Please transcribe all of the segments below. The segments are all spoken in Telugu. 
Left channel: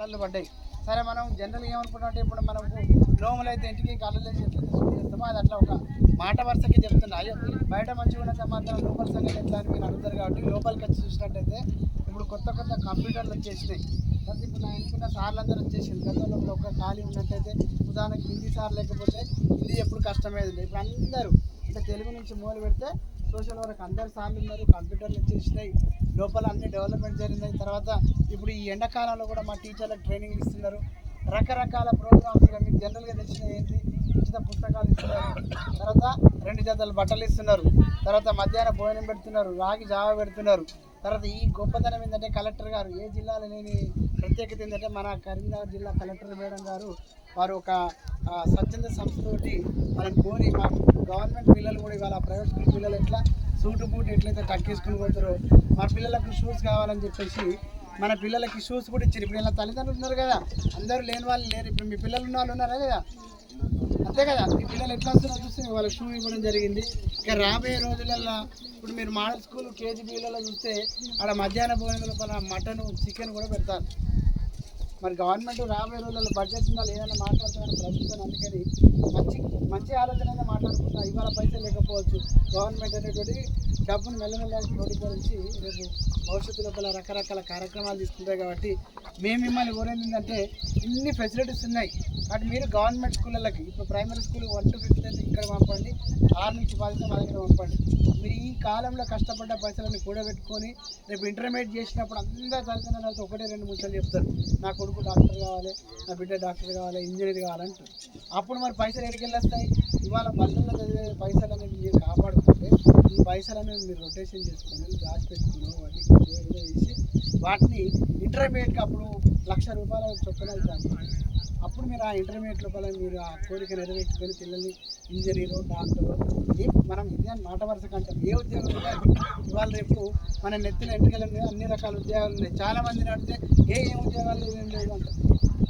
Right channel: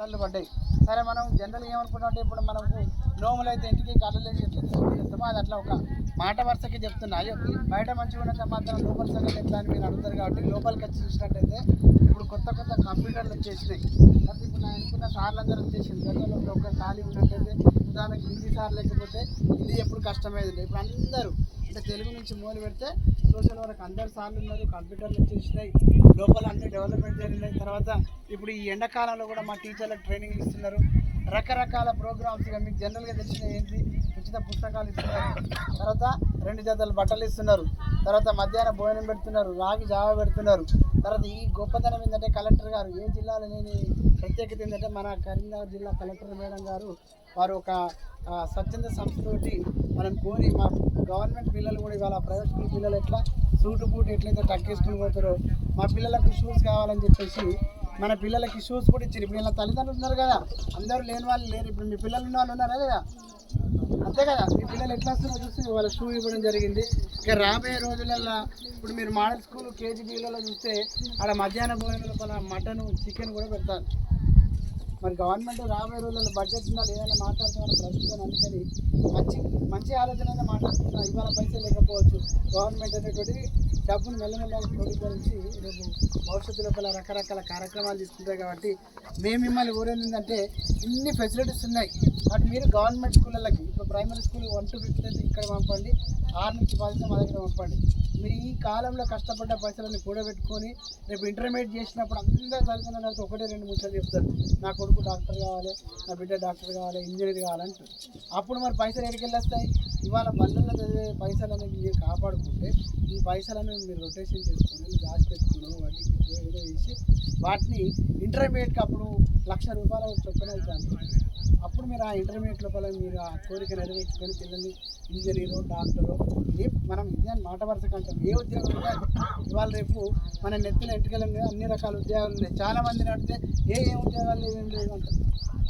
కళలు పడ్డాయి. సరే మనం జనరల్గా ఏమనుకుంటామంటే ఇప్పుడు మనకు నోములు అయితే ఇంటికి కళలు ఎట్లా చేస్తామో అది అట్లా ఒక మాట వరుసకి చెప్తున్నా. అయ్యో బయట మంచిగా ఉన్న సమాధానం లోపల సంగతి ఎట్లా అని మీరు అడుగుతారు కాబట్టి లోపలికి వచ్చి చూసినట్టయితే ఇప్పుడు కొత్త కొత్త కంప్యూటర్లు వచ్చేసినాయి. కాబట్టి ఇప్పుడు నా అనుకున్న సార్లు అందరూ వచ్చేసింది. గతంలో ఒక ఖాళీ ఉన్నట్టయితే ఉదాహరణకి హిందీ సార్ లేకపోతే హిందీ ఎప్పుడు కష్టమయ్యేది. ఇప్పుడు అందరూ అంటే తెలుగు నుంచి మొదలు పెడితే సోషల్ వరకు అందరు సార్లు ఉన్నారు, కంప్యూటర్లు వచ్చేసినాయి, లోపల అన్ని డెవలప్మెంట్ జరిగినాయి. తర్వాత ఇప్పుడు ఈ ఎండాకాలంలో కూడా మా టీచర్లకు ట్రైనింగ్ ఇస్తున్నారు. రకరకాల ప్రోగ్రామ్స్ మీకు జనరల్గా తెలిసిన ఏంటి, ఉచిత పుస్తకాలు ఇస్తున్నారు, తర్వాత 2 జతలు బట్టలు ఇస్తున్నారు, తర్వాత మధ్యాహ్నం భోజనం పెడుతున్నారు, రాగి జావ పెడుతున్నారు. తర్వాత ఈ గొప్పతనం ఏంటంటే కలెక్టర్ గారు ఏ జిల్లాలో లేని ప్రత్యేకత ఏంటంటే మన కరీంనగర్ జిల్లా కలెక్టర్ మేడం గారు వారు ఒక స్వచ్ఛంద సంస్థతోటి వాళ్ళని కోరి మా గవర్నమెంట్ పిల్లలు కూడా ఇవాళ ప్రైవేట్ స్కూల్ పిల్లలు ఎట్లా సూటు బూట్ ఎట్లయితే టక్కేసుకుని పోతారో మా పిల్లలకు షూస్ కావాలని చెప్పేసి మన పిల్లలకి షూస్ కూడా ఇచ్చారు. ఇప్పుడు ఇలా తల్లిదండ్రులు ఉన్నారు కదా, అందరూ లేని వాళ్ళు లేరు. ఇప్పుడు మీ పిల్లలు ఉన్న వాళ్ళు ఉన్నారా కదా, అంతే కదా, మీ పిల్లలు ఎట్లా వస్తున్నారో చూస్తే వాళ్ళ షూ ఇవ్వడం జరిగింది. ఇక రాబోయే రోజులలో ఇప్పుడు మీరు మోడల్ స్కూల్ కేజీబీలలో చూస్తే అక్కడ మధ్యాహ్న భోజనాల మటన్ చికెన్ కూడా పెడతారు. మరి గవర్నమెంట్ రాబోయే రోజుల్లో బడ్జెట్ ఉండాలి ఏదైనా మాట్లాడుతున్నారు ప్రభుత్వం. అందుకని మంచి మంచి ఆలోచన అయినా మాట్లాడుతున్నా. ఇవాళ పైసలు లేకపోవచ్చు, గవర్నమెంట్ అనేటువంటి డబ్బును మెల్లమెల్లగా క్రోడీకరించి రేపు భవిష్యత్తు లోపల రకరకాల కార్యక్రమాలు తీసుకుంటాయి. కాబట్టి మేము మిమ్మల్ని కోరేది ఏంటంటే ఇన్ని ఫెసిలిటీస్ ఉన్నాయి బట్ మీరు గవర్నమెంట్ స్కూళ్ళకి ఇప్పుడు ప్రైమరీ స్కూల్ 1 to 5th అయితే ఇక్కడ పంపండి, 6 నుంచి 10 మా దగ్గర పంపండి. మీరు ఈ కాలంలో కష్టపడ్డ పైసలని కూడబెట్టుకొని రేపు ఇంటర్మీడియట్ చేసినప్పుడు అందరూ చదువుతున్న తర్వాత 1-2 ముచ్చలు చెప్తారు, నా కొడుకు డాక్టర్ కావాలి, నా బిడ్డ డాక్టర్ కావాలి, ఇంజనీర్ కావాలంటారు. అప్పుడు మరి పైసలు ఎక్కడికి వెళ్ళొస్తాయి? ఇవాళ బళ్ళల్లో చదివే పైసలు అనేది మీరు కాపాడుకుంటే ఈ పైసలను మీరు రొటేషన్ చేసుకొని దాచిపెట్టుకుని వడ్డీకి ఏదో చేసి వాటిని ఇంటర్మీడియట్కి అప్పుడు ₹1,00,000 చొప్పున అవుతాను. అప్పుడు మీరు ఆ ఇంటర్మీడియట్ లోపల మీరు ఆ కోరిక నెరవేర్చుకొని పిల్లల్ని ఇంజనీరు డాక్టరు మనం ఇదే మాట వరుస అంటాం. ఏ ఉద్యోగం లేదు ఇవాళ రేపు మన నెత్తిన ఎంటుకలు అన్ని రకాల ఉద్యోగాలు ఉన్నాయి. చాలామందిని అడిగితే ఏ ఉద్యోగాలు లేవు ఏం లేదు అంటారు.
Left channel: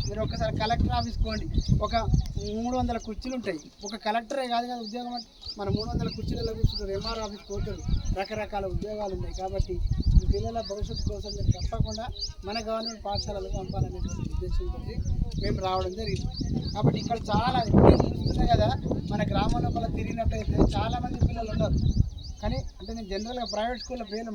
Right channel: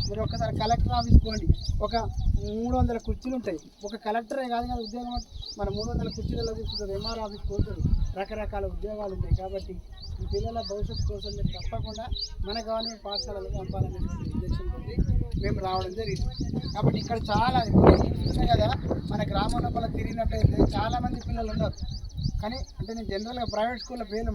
మీరు ఒకసారి కలెక్టర్ ఆఫీస్ పోండి, ఒక 300 కుర్చీలు ఉంటాయి. ఒక కలెక్టరే కాదు కదా ఉద్యోగం అంటే, మన 300 కుర్చీలలో కూర్చుంటారు. ఎంఆర్ ఆఫీస్ పోతారు, రకరకాల ఉద్యోగాలు ఉన్నాయి. కాబట్టి ఈ పిల్లల భవిష్యత్తు కోసం మీరు తప్పకుండా మన గవర్నమెంట్ పాఠశాలలకు పంపాలనేటువంటి ఉద్దేశంతో మేము రావడం జరిగింది. కాబట్టి ఇక్కడ చాలా చూస్తున్నాయి కదా, మన గ్రామం లోపల తిరిగినట్టయితే చాలామంది పిల్లలు ఉన్నారు. కానీ అంటే నేను జనరల్గా ప్రైవేట్ స్కూల్లో పేర్లు